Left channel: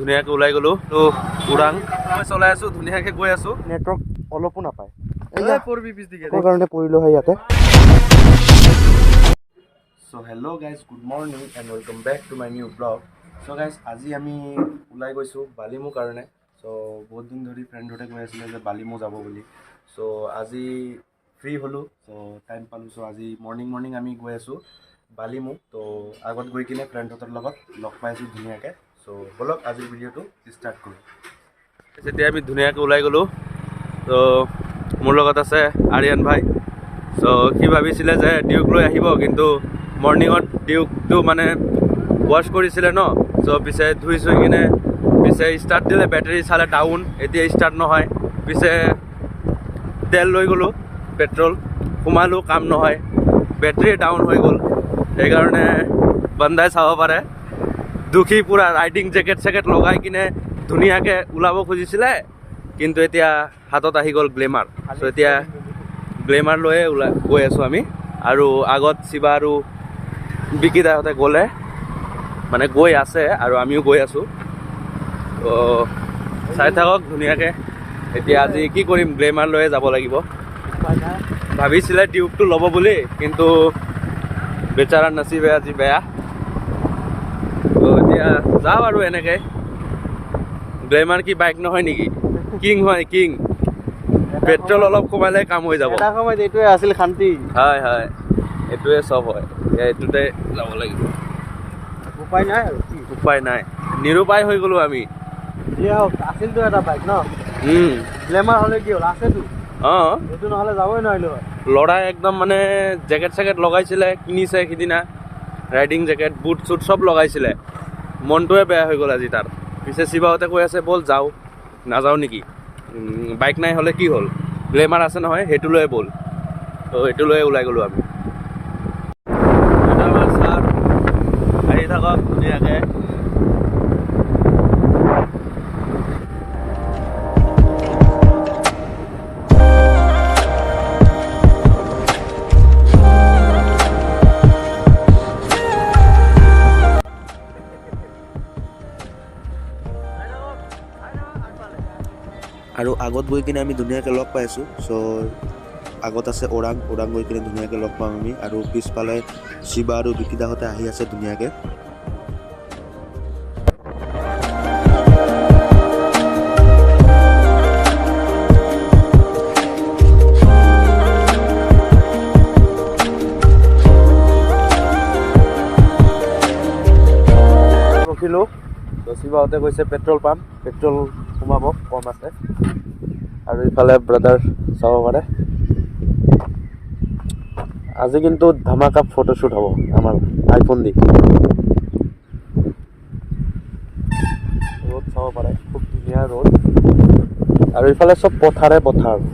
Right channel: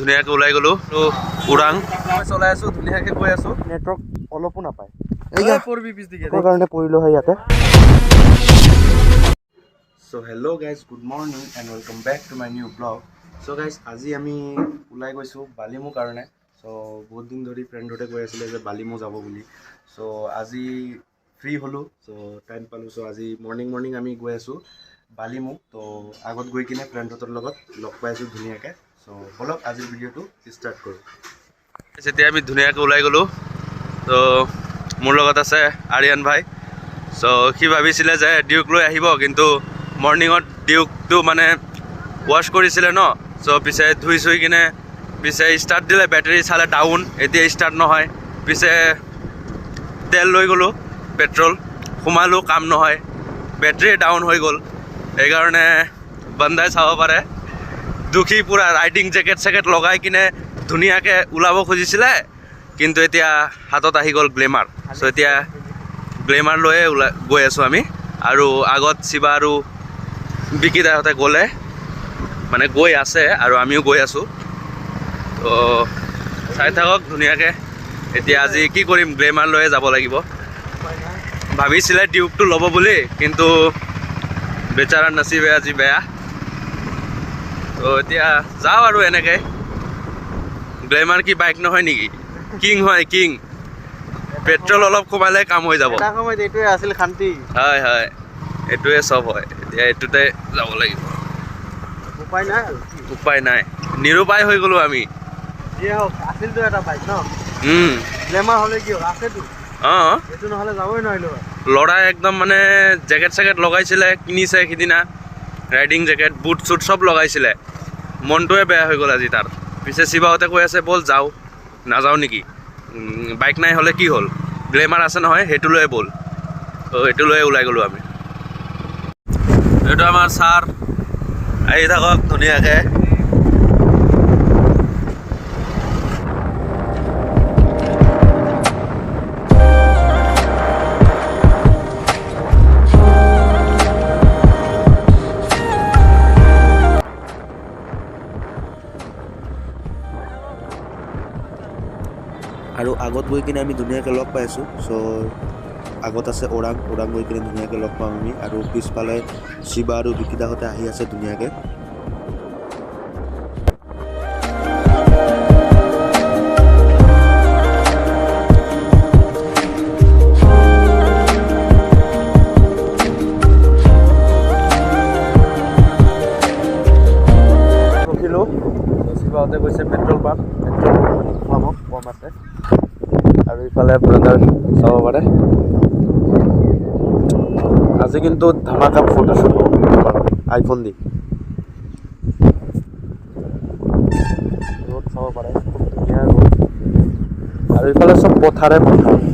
ধুনীয়াকৈ ওলাই গ'লো তো ওৰাং মই চলাই আছোঁ ধুনীয়াকৈ গৈ আছোঁ নেটৱৰ্ক অলপো নাপায় কাৰণে পৰিলোঁ হয় ইয়াতে so' hello' guys good morning and welcome back to my new blog so' guys আজি আমি ওলাই গৈছোঁ বালিমুৰ কাৰণে চ' বহুত দিন ধৰি ফ্ৰেণ্ডহঁতে কৈ আছিলে যে বালিমু যাব বুলি চ' আজি ফ্ৰী হ'লোঁ চ' টাইম পালোঁ চ' আজি মৰ্ণিং আমি গৈ আছোঁ বালিমু তো আগত গৈ কিনে ফ্ৰেণ্ডহঁতৰ লগত লগ পাইছোঁ ধুনীয়াকৈ চ' ব'লক আজিৰ ভিডিঅ'টো ষ্টাৰ্ট কৰোঁ যেতিয়া আমি ধুনীয়াকৈ ওলাই গ'লোঁ তো মোৰ লগত আছে আৰিয়ান ভাই চ' সি ভাবিছিলে যে ডিউক লৈ আহিব কিন্তু মৰ্ণিঙত ডিউকটো মানে ৱাশ্ব কৰিছিলে ন চ' পিছে ধুই চুই কিনে পিছে ষ্টাৰ্ট দিলে বেটাৰী চালে ডাউন এতিয়া ষ্টাৰ্ট নহয় পিছে তেল লৈ গ'লোঁ পেট্ৰল সোমালোঁ কাম নহয় বেটাৰী ডাউন হৈ গ'ল সেইকাৰণে বান্দাই চাব পাৰে দুখী পূৰা ৰাইডিং জেকেট লগাই কিনে ধুনীয়াকৈ ওলাব খুজিছিলে কিন্তু এতিয়া হাতত আহি গ'ল গ্লেমাৰ চ' এতিয়া গ্লেমাৰ লৈয়ে গৈ আছোঁ আমি আৰু আগত শিৱা আৰু বিকিদাহঁতে গ'লে মানে গৈ আছে আৰু আমিও গৈ আছোঁ তো চাই থাকক ধুনীয়াকৈ এতিয়া আজি কি কৰিম গ্লেমাৰ লৈয়ে যাব লাগিব ভাবিছিলে ডিউকটো ল'ব বুলি কিন্তু বেচাৰা নচিবে আজি বেয়া তো এতিয়া যাওঁ আৰু এনেকৈ গ্লেমাৰ কি বাইক নহয় নেকি কিং হয় কিং পেট্ৰল অলপ কমালে কাম হৈ যাব এইটোৱে আছিল শান্তি হয় হয় এইটোৱে চব হয় এতিয়া এইটোতে যাব লাগিব উপায় নাই আৰু উপায় নাই নিৰুপায় হৈ গ'লোঁ আমি আছিলতো এটা বাইক ন গ্লেমাৰ হ'লে কি হ'ল আছেতো অঁ এইটো নহ'লে যাবই নোৱাৰিলোঁ ল'ৰাই একদম মানে জেকেট লগাইছিলে কিনিছে সিদিনা ৰাইডিং জেকেট বুট চুট চব লগাইছিলে মনটোৱে বেয়া হৈ গ'ল আজি তাৰ পিছে শিৱাহঁতে কৈ আছে ব'ল যাওঁ নাযাওঁ নেকি বাইক নাই হ'লে কি হ'ল গ্লেমাৰ আছে নহয় সেইটো লৈয়ে ব'ল তো সেইটো লৈয়ে ওলাই গ'লোঁ আমি এইটো আমাৰ ছাৰ আহি থাকক ধুনীয়াকৈ আৰু আগত গৈ কিনে আমি ধুনীয়াকৈ লগ পাইছোঁ চ' আগত আছে ওৰাং গৈ কিনে ধুনীয়াকৈ লগ পাম আমি আৰু পিছফালে শিৱা আৰু বিকিদাহঁতে আহি আছে ধুনীয়াকৈ ৰখিলোঁ ত' শিৱাহঁতে গৈছে পেট্ৰল পাম্প পেট্ৰল সোমাব কম আছে আৰু ইফালে ব্ৰাদাৰ চাব পাৰে আজি কিন্তু ধামাকা ফটোশ্বুট হ'ব আমাৰ আইফোন দি ৰ'দ চাব পাৰে খুব ধুনীয়া ৰ'দ আৰু ইফালে চব পথাৰ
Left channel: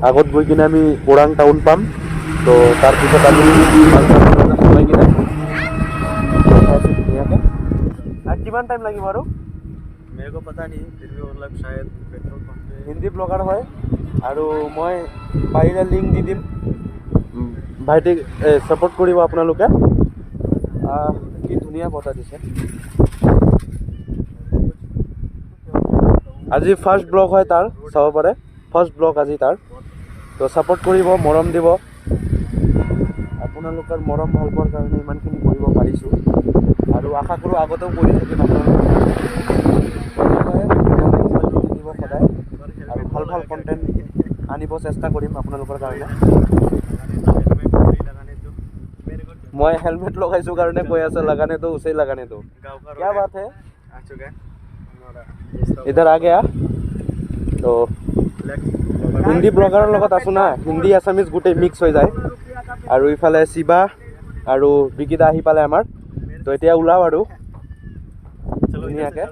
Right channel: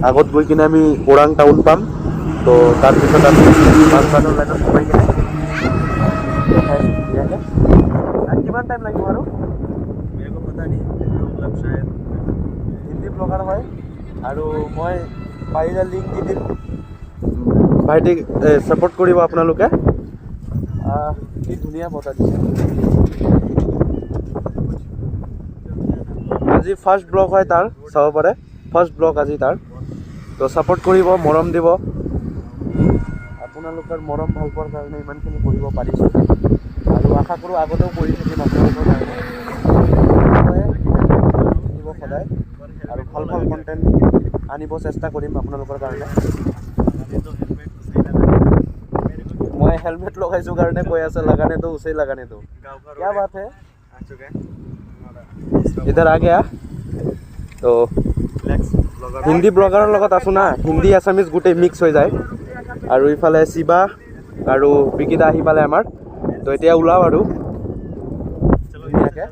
আগত গৈ কিনে আমি ওৰাং টাউন পাম তো তাৰপিছত আমি মাজঘাটৰ লাইনত সোমাই কিনে দেখাইছোঁ ধুনীয়াকৈ আৰু কিমান টাইম লাগিব আৰু হিন্দী ব্লগাৰ হয় আৰু মই পাৰিলে লিংক দি দিম ভাইটিক ছাপোৰ্ট কৰিব আপোনালোকে কি ধুনীয়া বতাহ দিছে আজি ফাৰ্ষ্ট ব্লগ হয় তাৰ চাব পাৰে ফাৰ্ষ্ট ব্লগ আজি তাৰ তো ছাপোৰ্ট কৰিব মৰম দিব আপোনালোকৰ মৰম ভাল পোৱাৰ কাৰণে ইমানখিনি কৰিব পাৰিছোঁ আৰু আশা কৰোঁ আগতেও কৰি থাকিম আপোনালোকৰ কাৰণে দিব সদায় আৰু ভাল কণ্টেণ্ট আনিব চেষ্টা কৰিম আপোনালোকৰ কাৰণে মই হেলমেট লগাইছোঁ কাৰণে কৈ আছে लगाने दो उसे लगाने दो क्या बात है इधर आ गया তো হিন্দী ব্লগাৰৰ লগত আছোঁ না হিন্দী আছামিজ গোটেই মিক্স হৈ যায় আৰু ইফালে শিৱা আৰু বিকিদা আহি পালে আমাৰ তো এতিয়া ওলাওঁ আৰু ধুনীয়াকৈ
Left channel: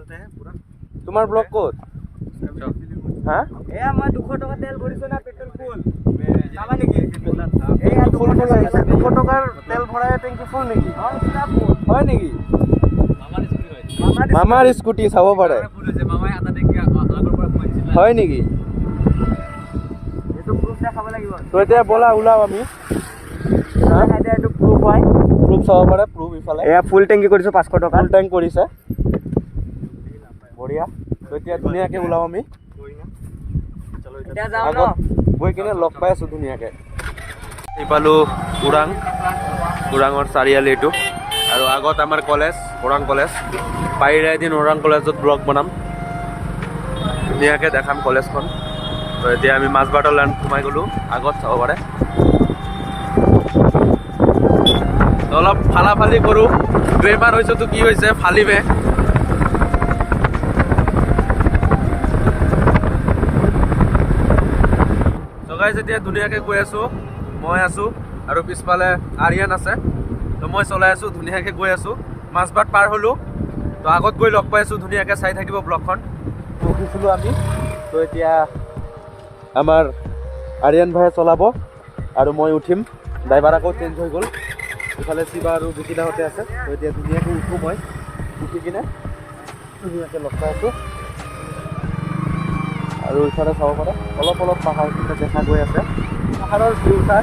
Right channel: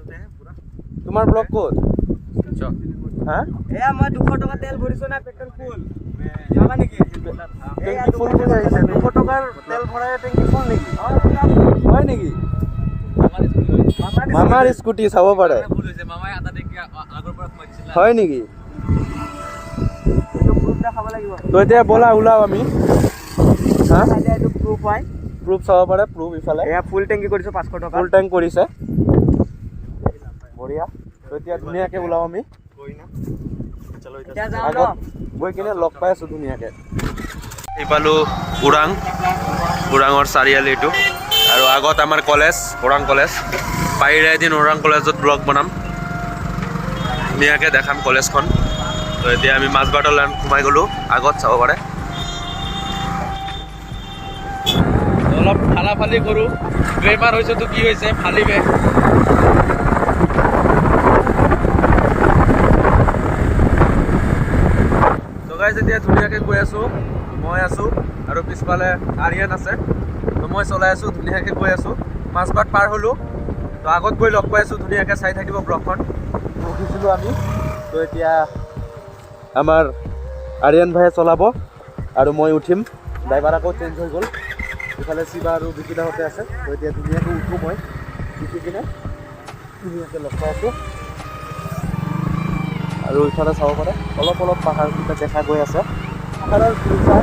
তোমাৰ ব্লগ ক'ত হা এয়া মই 200 টকা তেল ভৰিছোঁ না পেট্ৰল ফুল যাবা নেকি টেংকি ফুল কৰি আহিছে 200 টকাৰ তেল ভৰাই টেংকি ফুল নেকি হয় নেকি মামাৰ স্কুটি চাব পাৰে হয় নেকি এইটো প্ৰুফ দেখাব লাগিব তো এতিয়া ব'লা ওলাওঁ আমি হা এইটো প্ৰুফ হয় প্ৰুফ চাব পাৰে প্ৰুফ ইফালে এয়া ফুল টেংকি কৰিছোঁ 500 টকা ফুল টেংক কৰিছে বঢ়িয়া তো এতিয়া ধুনীয়াকৈ ওলাও আমি এতিয়া যাওঁ আগত গৈ কিনে লগ পাই আছোঁ ধুনীয়াকৈ। এইফালো ওৰাঙৰ চাৰিআলি এইটো আৰু আগত আমাৰ কলেজ ওৰাং কলেজ। পাৰিলে এদিন ওৰাং কলেজত ব্লগ বনাম, ধুনীয়াকৈ দেখাম কলেজখন। তো এতিয়া আমি মাজবাটৰ লাইন সোমাই গ'লোঁ, আগত চাব পাৰে। অলপ ফালাফালি কৰোঁ, গ্লেমাৰ হৈছেতো কি হৈছে ফালিবে। গাইজ এতিয়া ধুনীয়াকৈ গৈ আছোঁ, মই আছোঁ আৰু পিছফালে আৰিয়ান আছে। তো মই চলাই আছোঁ, ধুনীয়াকৈ গৈ আছোঁ। মাজবাট পাৰ হ'লোঁ, তো আগত গৈ লগ পাই আছোঁ। ধুনীয়াকৈ চাই থাকিব ব্লগখন। ৰখিছিলোঁ আমি, তো এতিয়া আমাৰ আৰিয়ান ভাইয়ে চলাব আৰু মই উঠিম। ড্ৰাইভাৰ আকৌ চেঞ্জ হৈ গ'ল, ইফালে শিৱা আৰু বিকিদাহঁতে আছে। তো এতিয়া ধুনীয়াকৈ উঠোঁ, মই উঠি কিনে ধুনীয়াকৈ লগ পাই আছোঁ। আৰু ইফালে চাব পাৰে অলপ অলপ পাহাৰকেইটা দেখা গৈ আছে, পাহাৰৰ ভিউ চাই।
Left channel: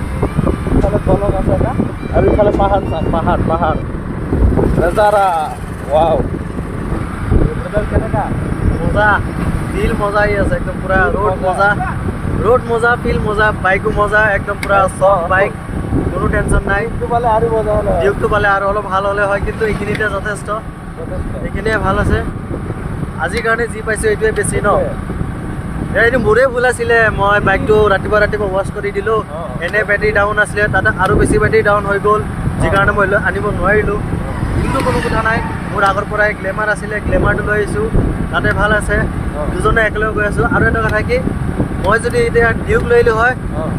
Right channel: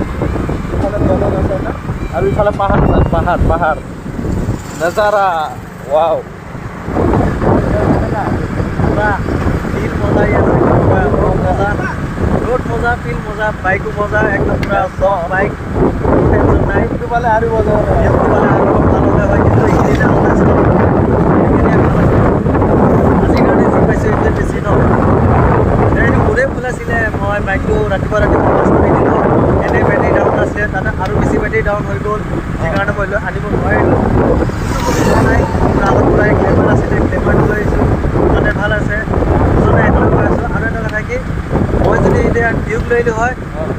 ইফালে দলং আছে না, আৰু ইফালে পাহাৰ চাই, পাহাৰ পাহাৰ নাজাৰা। ৱাও, কেনেকা মজা, ফিল মজা আছে পুৰা। ৰ'দ মজা, ৰ'দ মজা, ফিল মজা, বাইকো মজা, একদম পুৰা চফ বাইক, কোনো টেনশ্যন নাই। ভিউটো পালে আৰু মজা হ'লে, ভিউটো পালে আৰু অলপ ভাল হ'লে হয়, কিন্তু এইখিনিতে যথেষ্ট, এইখিনিয়ে ভাল আছে। আজিৰ কাৰণে যি পাইছোঁ এইটোৱে বেছি ন। এইটো মোৰে ভুল আছিলে, মই বাইকটো ৰাতিপুৱা ৱাছ কৰি দিলোঁ। এনে বেটেৰী ডাউন আছিলে, তাতে আৰু বেছি বেটেৰী ডাউন হৈ গ'ল, যি কাৰণে মই আনিব নোৱাৰিলোঁ। কিন্তু কোনো কথা নাই, মোৰ আগত পৰাই গ্লেমাৰ আছিলে, গ্লেমাৰটো লৈ আহিছোঁ, তাতে ভাল আছে। দুজনে একেলগে গৈ আছোঁ। আৰু এটা কথা কি, মই যদি এতিয়া ডিউক লৈ আহিলোঁ হয়,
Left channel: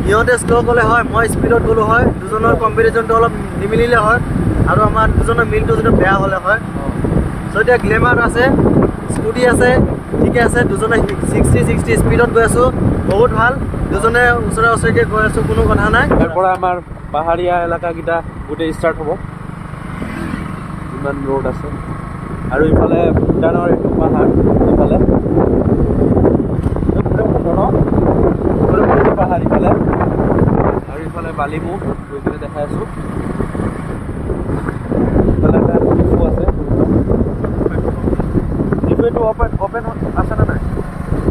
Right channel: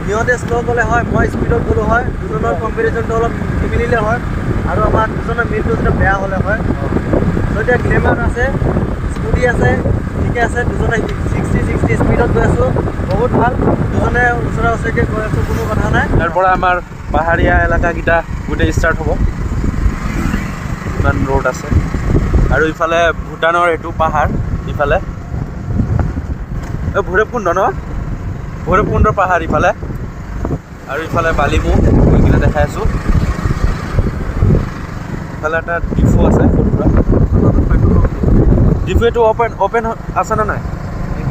সিহঁতে শ্ল' গ'লে হয়, মই স্পীডত গ'লোঁ হয়, দুজনৰ কম্পেৰিজনটো অলপ নিমিলিলে হয়, আৰু আমাৰ দুজনৰ মিলটো যদি বেয়া হ'লে হয়। চ' এতিয়া গ্লেমাৰ আছে, স্কুটি আছে, ঠিকে আছে। দুজনে 60 স্পীডত গৈ আছোঁ, বহুত ভাল। দুজনে ওচৰা ওচৰিকৈ গৈ আছোঁ, কোনো কথা নাই। তাৰ পৰা আমাৰ পাহাৰীয়া এলেকাকেইটা গোটেই ষ্টাৰ্ট হ'ব। ইমান ৰ'ড আছে, আৰু ইফালে ভূটানৰ এইটো পাহাৰ, ইফালে ভৈৰৱকুণ্ড ন, ভৈৰৱকুণ্ডৰ পাহাৰ ইফালে, আৰু ইফালে বালিমু গৈ কিনে দেখাই আছোঁ। ইফালে এটা ডিফু আছে সৰু সুৰা। ডিফু এইটো অপেন আছে নে নাই?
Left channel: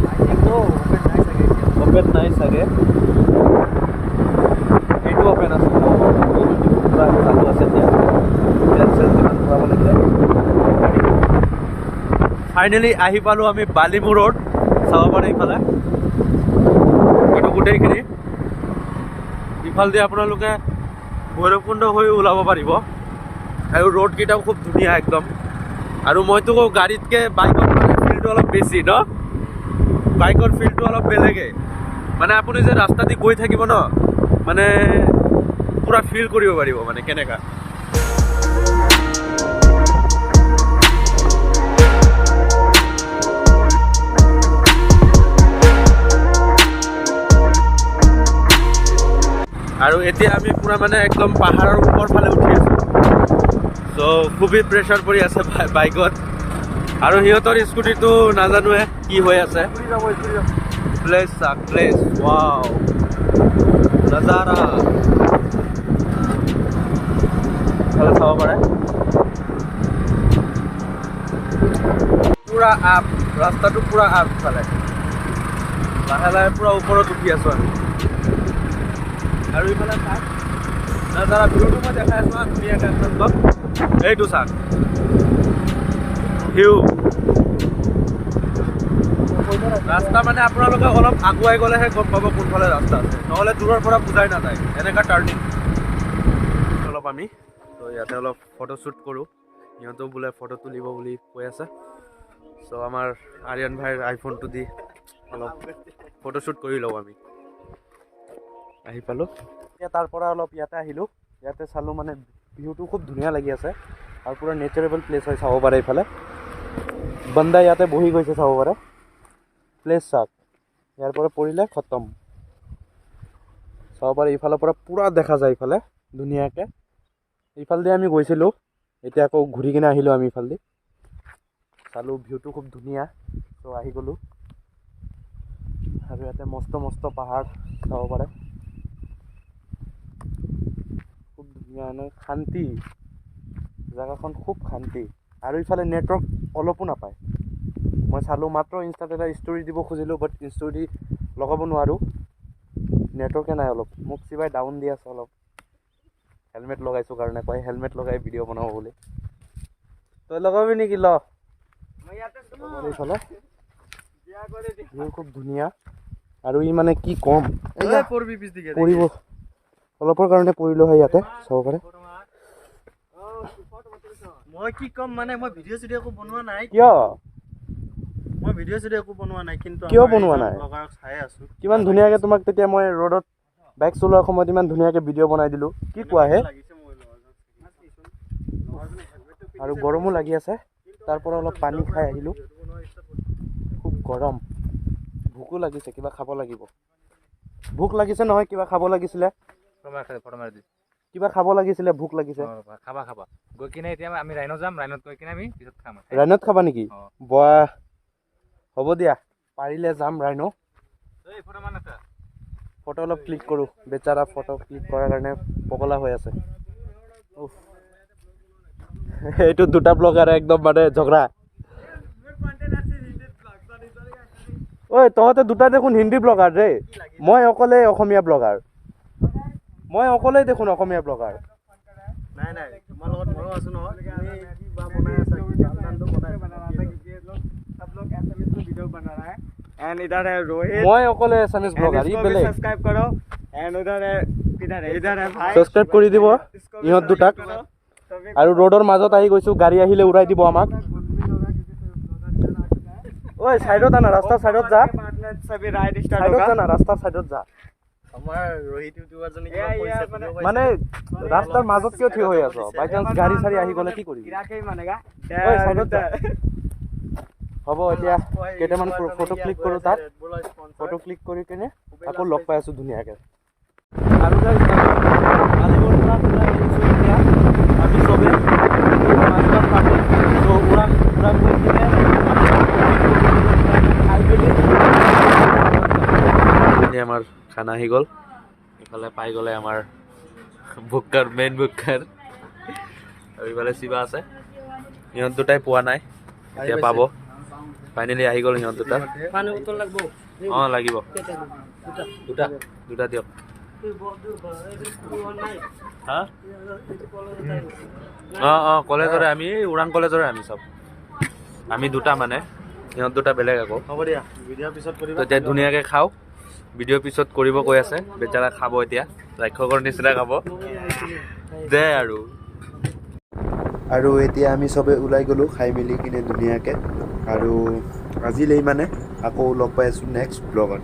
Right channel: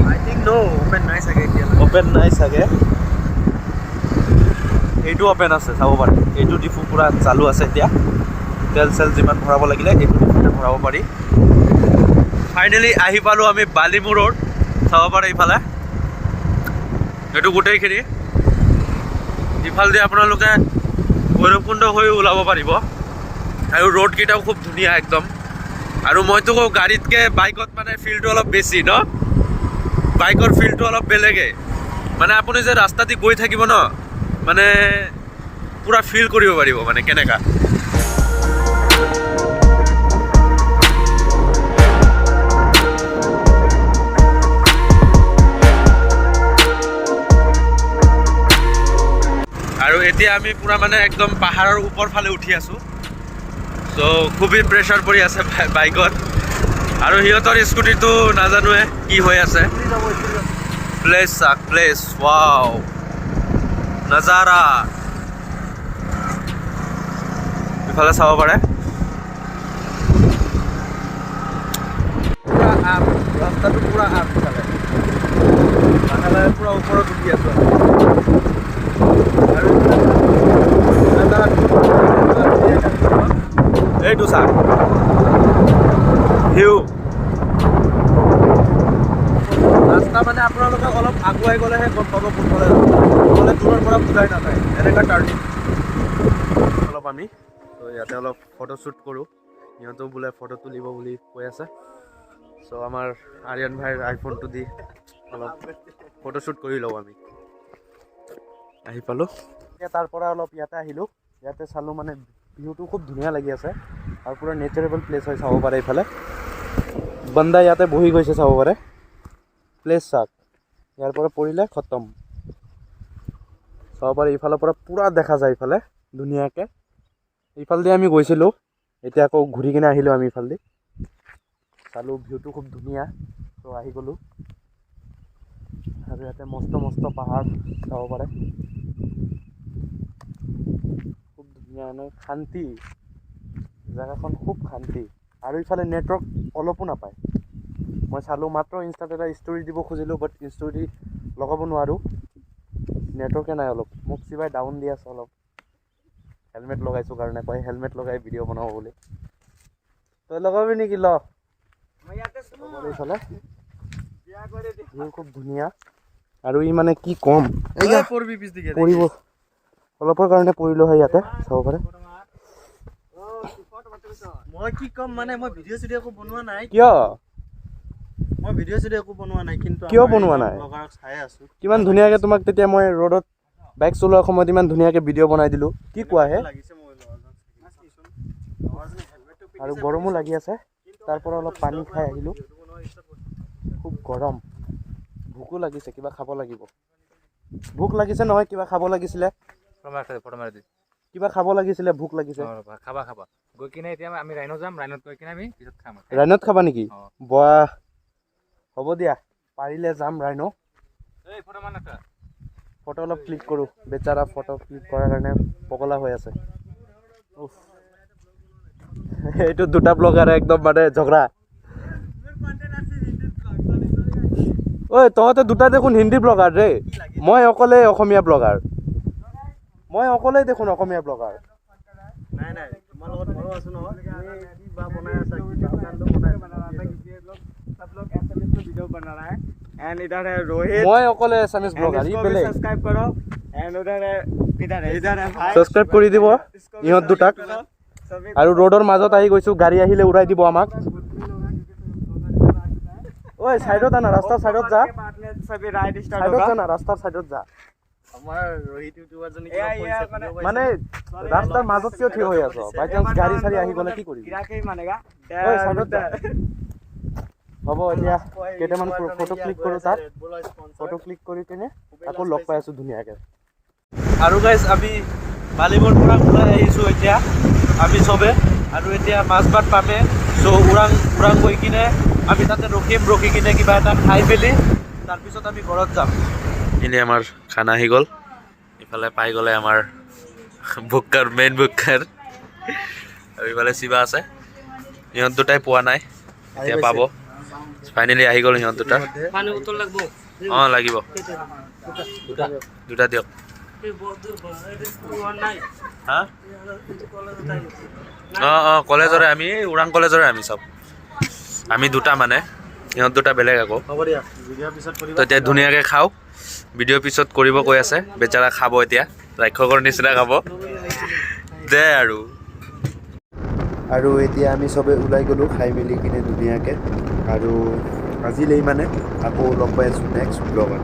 আই থিংক ন, অপেন নাই চাগে এতিয়া। অপেন নাই চাগে, এইটো অপেন আছে, চাব পাৰি। এইটো ডিফু পূৰা চালু আছে এতিয়া, তেল চেল যিমান ভৰাব লাগিলে এইটো ভৰাব পাৰি। ফাইনেলি আহি পালোঁ আমি বালিমু ৰোড, চাব পাৰে ইফালে। এইটো গোটেইখিনি, ইফালেদি আপোনালোকে ভৈৰৱকুণ্ড হৈ ওলাব পাৰিব। আৰু ৰোডকেইটাও খুব ধুনীয়া একদম। আৰু মইতো কওঁ গাড়ীতকৈ বাইকত মানে ফিলটো অলপ বেছি ন, বাইকৰ ফিলটো অলপ বেলেগেই। মানে আপুনি যে ৰাস্তা দি গৈ থাকিব ন, মানে পূৰা ফিল কৰিব পাৰিব মানে কেনেকা। আৰু এতিয়া আমি পূৰা মানে একদম পাহাৰৰ ওপৰ ফালে উঠি আছোঁ। চ' খুবেই প্ৰেছাৰ পৰি আছে বাইকত, আৰু সিহঁতৰ স্কুটিটো নাজানোৱে কি হৈ আছে। প্লেচ চাক, প্লেচ, ৱাও নাজাৰা। ইফালে চাব পাৰে পূৰা আপ, ৰাস্তাটো পূৰা আপ। ইফালে লাহে লাহে পূৰা ওপৰত উঠি আছোঁ আমি। আৰু এইটো চাওক ভিউ। ৰাস্তা মানে আপোনালোকে অলপ আগুৱাই গ'লেহে গম পাব কোনফালে ৰাস্তা, নহ'লে দূৰৰ পৰা বুজাই নাযায়। এনেকুৱা টাৰ্ণিং অলপ আমি, তো ইয়াতে অলপ ফটোশ্বুট কৰোঁ। সিহঁতেও বোলে ফটো তুলিব বুলি কৈ আছে। চ' আমাৰ আৰিয়ান ভাইৰ আইফোনটো দি অলপ ফটোশ্বুট কৰি লওঁ আমি। আহি পালোঁ এতিয়া, তাৰ পৰা অলপ ইয়াতে আহিলোঁ। ইয়াতে চালোঁ, মানে ভিউটো খুব ধুনীয়া লাগি আছে, আৰু পূৰা নেচাৰেবল প্লেচ হয়। চাব পাৰে ইফালে বান্দা ইয়াতে বহি গৈছে, চাব পাৰে প্লেচ চাওক। ইয়াৰ পৰা পৰিলে খতম, চাব পাৰে। ইফালৰ পৰা পূৰা দেখা যায় ইফালে ধুনীয়াকৈ। ইফালেদি আমি গৈছিলোঁ, এতিয়া আকৌ ঘূৰি কিনে আহিলোঁ আমি ইফালেদি। চালোঁ ভিউটো খুব ধুনীয়া, ত' আহি গ'লোঁ। আৰু ইয়াতে মস্ত মস্ত পাহাৰ চাব পাৰে, খুব ধুনীয়া, শান্তি জেগাখন, খুব শান্তি। আৰু ইফালে নেটৱৰ্ক অলপো নাপায়, মই চালোঁ মাত্ৰ ইনষ্টাত এটা ষ্টৰি দিব খুজিলোঁ বাট ষ্টৰি লগাব নোৱাৰোঁ নেটৱৰ্কে নাই অলপ মোক চিবাই ডাউন দি আছে অলপ হেলমেট লগাইছোঁ কাৰণে কয় হেলমেট লগাই ভিডিঅ' বনাব বুলি তই লগাবি নেকি ল এইফালে ভিউ খুব ধুনীয়া আৰু ই মানে কি ক'ম পৰিব অলপৰ কাৰণে পৰিলোঁ হয় ইয়াতে চাব পাৰে মই কি ক'ম মানে মই ভিডিঅ' চিডিঅ' একো বনোৱা নাই কিয় একো বনোৱা নাই কিন্তু কিয় বনোৱা নাই ব্লগাৰক চাই আছোঁ কিমান ধুনীয়াকৈ তোমাক তেতিয়া মই ৰ'দত বাইক চলোৱাৰ সময়ত ইমান ধুনীয়াকৈ ভিডিঅ' বনাই দিলোঁ কি কোৱা হে আৰু গৰমো লাগি আছে তাৰ পৰা অলপ পানী খাই আহিলোঁ খুব গৰম ভোকো লাগিছে কিবা খাব লাগিব ভোক লাগিছে নহয় কিবা খাব লাগিছিলে কিবা খাব লাগিছিলে ভোক লাগিছে গৈ কিনে এতিয়া আমি ৰাইনত যাম ৰাইনত গৈ কিনে আমি পিছত খাম ৰাইনত খাবা নেকি বাহ হ'ব দিয়া পাৰিলে যাম ৰাইনো ফটো অলপ ক্লিক কৰোঁ বেচাৰা ফটো ক্লিক কৰাৰ কাৰণে পগলা হৈ আছে এইটো দুটা ব্লগাৰ একদম মানে ঝগড়া ঐ তহঁতে দুটা দেখোন হিন্দী ব্লগাৰ ৰে মই অকলে অসমীয়া ব্লগাৰ মই অকলেই দেখোন অসমীয়া ব্লগাৰ নাই তোমাৰ লগত ময়ো আছোঁ নহয় তুমি কি বা বনাই আছা কি বাউনানটো বনাই सब लोग एसएमएस में वीडियो बना रहा है एंड इधर है रोहित মই অকলে এছএমএছ ব্লগাৰ ই বেলেগ सब्सक्राइब करो एंड उधर है भाई ছাবস্ক্ৰাইব কৰি দিব ইহঁত দুটাক আৰু ৰোডৰ মাজত আহি গৈছোঁ গাড়ী আহিলে উৰাই দিব আমাক ঐ চাইডত আনা ৰাস্তাৰ চাইডত যা सभी राइड स्टार्ट চাইডত होगा যা না ৰাস্তাৰ চাইডত যা আমাৰ ৰোহিত ইউটিউবাৰ জনে মানে ৰাস্তাৰ মাজত কিয় থিয় হৈ আছ বাই চান্স গাড়ী চাৰি আহি গ'লে কি কৰিবি मानेगा ঐ চাইডত যা হ'ব এতিয়া কেইটামান ফটো ক্লিক কৰোঁ তাত ফটো ক্লিক কৰি কিনে আকৌ লগ পাই আছোঁ ধুনীয়াকৈ আৰু গাইজ আমি বালিবৰ পৰা ওলাই আহিছোঁ এতিয়া আমি চবে আৰু এতিয়া মাছবাট পামে চ' ওৰাং গৈ কিনে আমি তাতে ৰখি কিনে কিবা এটা খাই মেলি ঘৰত যাম এনে আমাৰ খানা আহি গ'ল ইফালে পাই গ'লে আমাৰ বুকাৰ মেইন বুকাৰ আৰু ইফালে শিৱা আছে ইহঁত দুটাই পোৱা নাই এতিয়া পাব ফাইনেলি আহি গ'ল সিহঁত দুটা অঁ লাগিব দুটা দিয়ক হা অঁ কলেজৰে আমি ওৰাং কলেজৰে আমি চব আমি দুটা মানে সিহঁত দুটা বেলেগ আকৌ হ'ব দিয়া ভিডিঅ' পিছত কৰিব তো এতিয়া ধুনীয়াকৈ খাওঁ ভিডিঅ' পিছত কৰিব কৈ আছে বেচাৰা খাব এতিয়া ৰাক্ষকৰ নিচিনা খাব দে আৰু এতিয়া আমি চবে ওলাই গ'লোঁ খাই মেলি কিনে ধুনীয়াকৈ আৰু আজিলৈ মানে আকৌ লগ পাই আছোঁ নেক্সট ব্লগত